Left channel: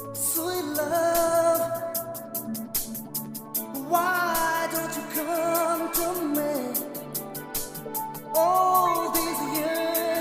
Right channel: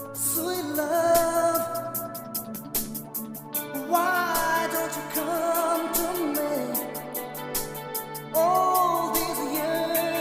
Sweet love, why don't you come to me? All these years